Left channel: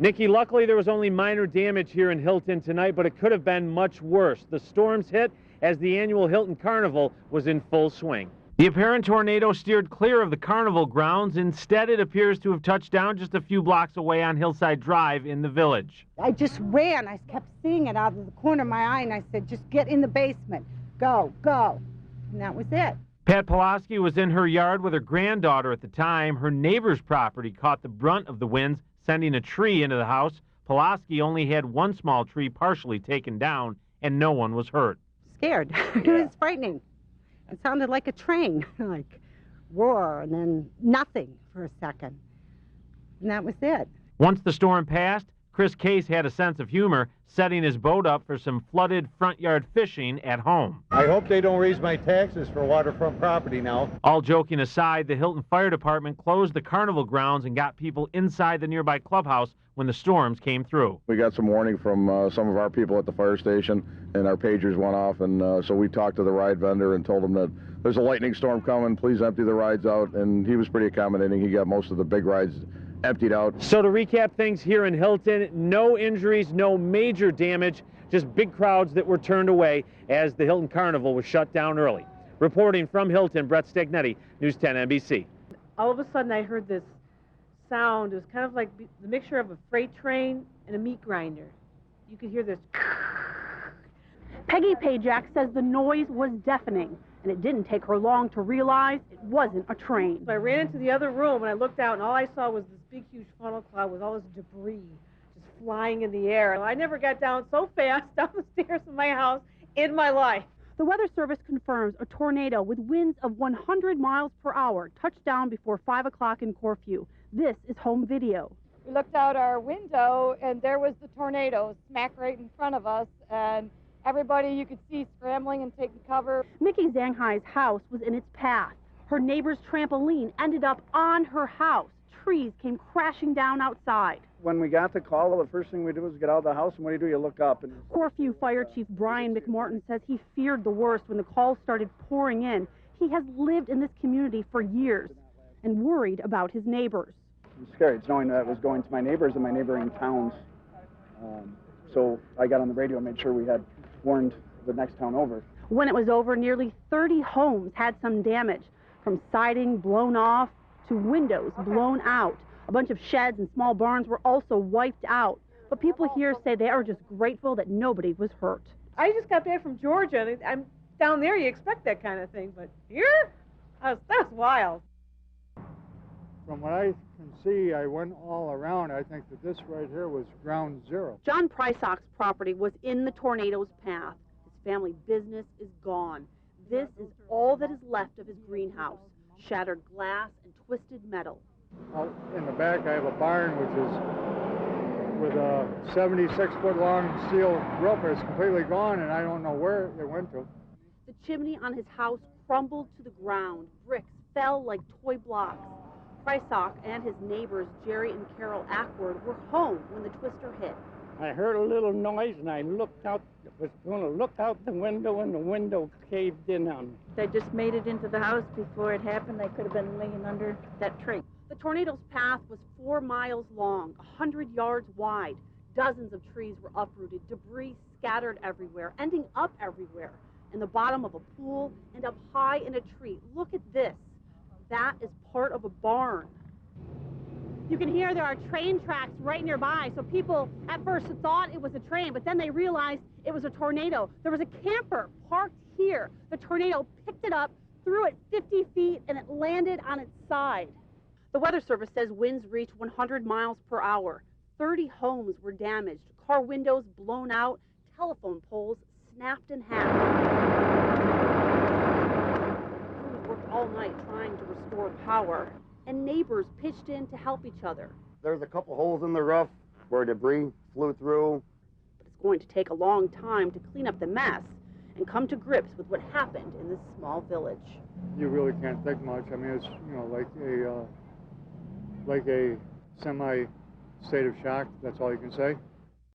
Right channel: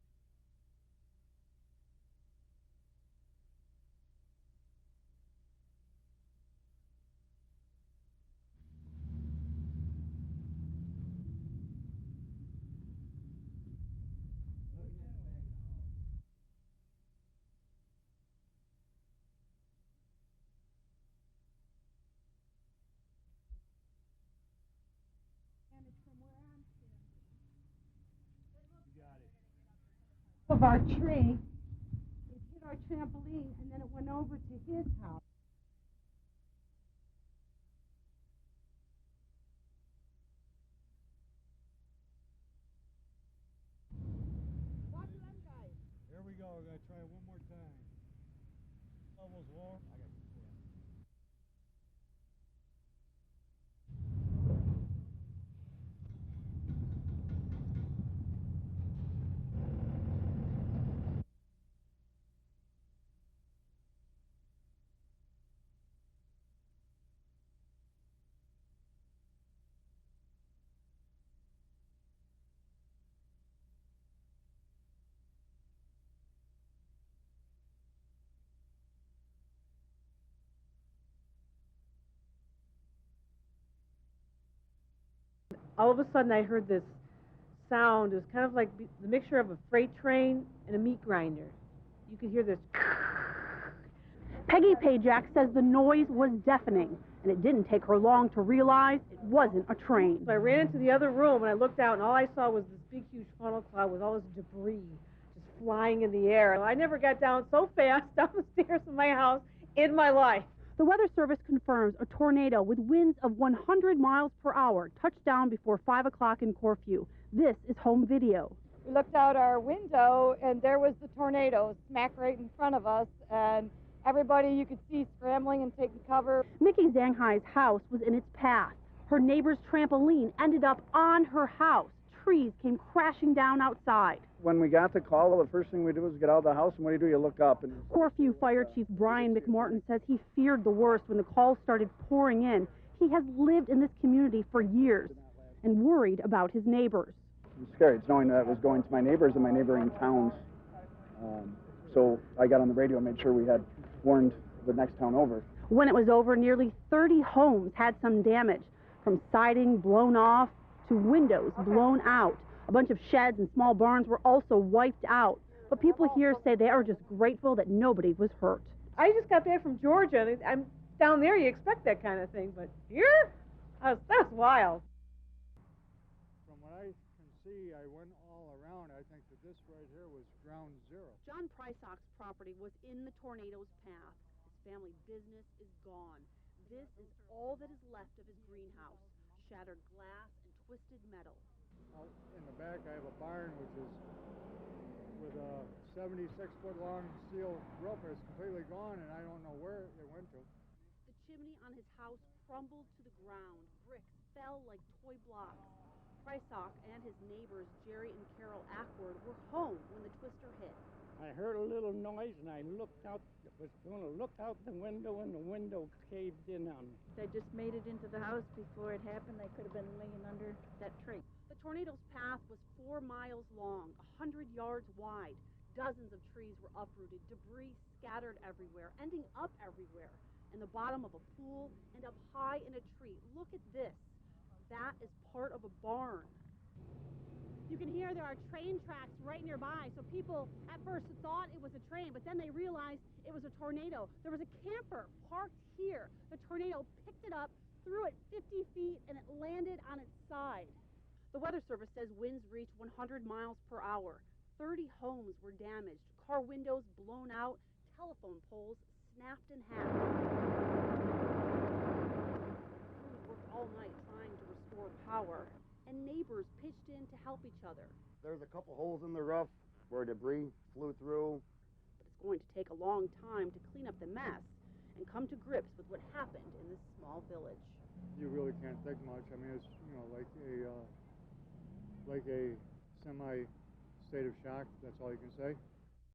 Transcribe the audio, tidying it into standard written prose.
Nikki, luckily there was only minor damage here in Hilton tonight, but it could have been much worse. The storms hit as the annual Hilton Carnival was in full swing. The apparent tornado steered clear of the carnival grounds. Instead, it appears to have touched down just a few blocks away on Hillside Drive in the village. I just ran. I kept seeing it out of the corner of my eye, and I said, just get in the basement. Go, go. And that was it. Pat Pulaski was in her yard with her granddaughter at the time. Her neighbor's property caught the brunt of the winds, sending a tree into the house. Pulaski only had one small tree partially taken down, and no one was hurt. Scared. It was frightening. It sounded like a train, like roar, and then nothing for a second. And that was it. Once the storm passed, Chris Case had a sense of humor, setting his boat up for some flooded front yard fishing at home. I hope they don't raise my taxes for waterfront property now. All joking aside, the Hilton Fire Department closed the carnival grounds and got people inside the nearby clubhouse when the storms came through. We got some warning from some of our people at the fire station, and our pagers went off, and so we talked to the ride vendor and told him that there's a lightning storm coming, please empty the rides out, and he was pretty accommodating. He got most of the big rides emptied out. So to recap things here in Hilton, no injuries, no major damage, just big crowds that were turned away as the Hilton Carnival was shut down early. Reporting from Hilton, Brett Stagnetti, News 10 NBC. All of a sudden I heard this sound. It was kind of like the mixture of a freight train and a meat grinder. You could hear this. Peggy Pajak says the noise was deafening, and it didn't take her long to realize it wasn't a train. So I ran into the other room, and I looked out, and all I saw was this big, huge funnel cloud with all this debris just flying in the air. I never got down so fast down the stairs of my house in my life. The Weather Service confirms a tornado with winds of 100 miles per hour touched down before 5 o'clock in Corfu. This is home video. We looked out our window, and there was the tornado smack right in front of us, and everybody you could see scrambling and taking cover. Mickey Zanghai's house was in its path. Her neighbor's trampoline ended up on her house. Trees came crashing down outside. When we got the call, the first thing we did was get out of the house, and what do? You look up. And Corfu Fire Chief Brian McMorton says he feared the worst when the calls started pouring in. He has lived in this community for years and worried about his neighbors. It's scary. It's knowing that it was going to my neighbors and my neighboring towns. So I got on the radio and made sure we had warned the next town over. When it was over, nearly 30 homes had some damage, from siding blown off to windows blown out. A bunch of sheds and small barns were also wiped out. But people here say they are just grateful that nobody was hurt. I just got back from Georgia, and I'm down there, you expect that kind of thing, but here, that was wild. From what I can see, I went all around. I think that this right here was ground zero. John Prysock's property was in the tornado's path. His family business is gone. This is all that is left of his greenhouse. Shattered glass and twisted metal. Out in the back, I have a barn which is with a 76-foot long steel roof. It's completely gone, and I don't know where it went to. The chimney on his house crumbled to the ground. Bricks fell like toy blocks. Prysock and his neighbors, Jerry and Carol Ackward, were home when the twister hit. I heard a little noise, and I looked out, was going to look out the window, and the window caved in on me. I just made it into the house before it happened. I could have been laying under that tree. The tornado's path was 4 miles long, 100 yards wide. Dozens of trees were uprooted, debris scattered everywhere, ending up everywhere, in the bottom of a pool and up high in a tree. Look at this. That is part of a barn. You can hear there are train tracks right nearby, so people at first thought it was a train, but then they realized it was a tornado. There was a camper parked here. The tornado picked it up, threw it 50 feet, and it landed on its side. The Weather Service says winds reached 100 miles per hour. 30 homes were damaged, car windows blown out, telephone poles snapped in half. Crews worked all night trying to restore power, and neighbors pitched in to help each other. There's a couple holes in the roof where debris flew through. But it's going to take a long time to clean up the mess and come to grips with what happened in this small village. You really can't think much. I mean, it's, you know, like a semi state of shock. That's all you can say.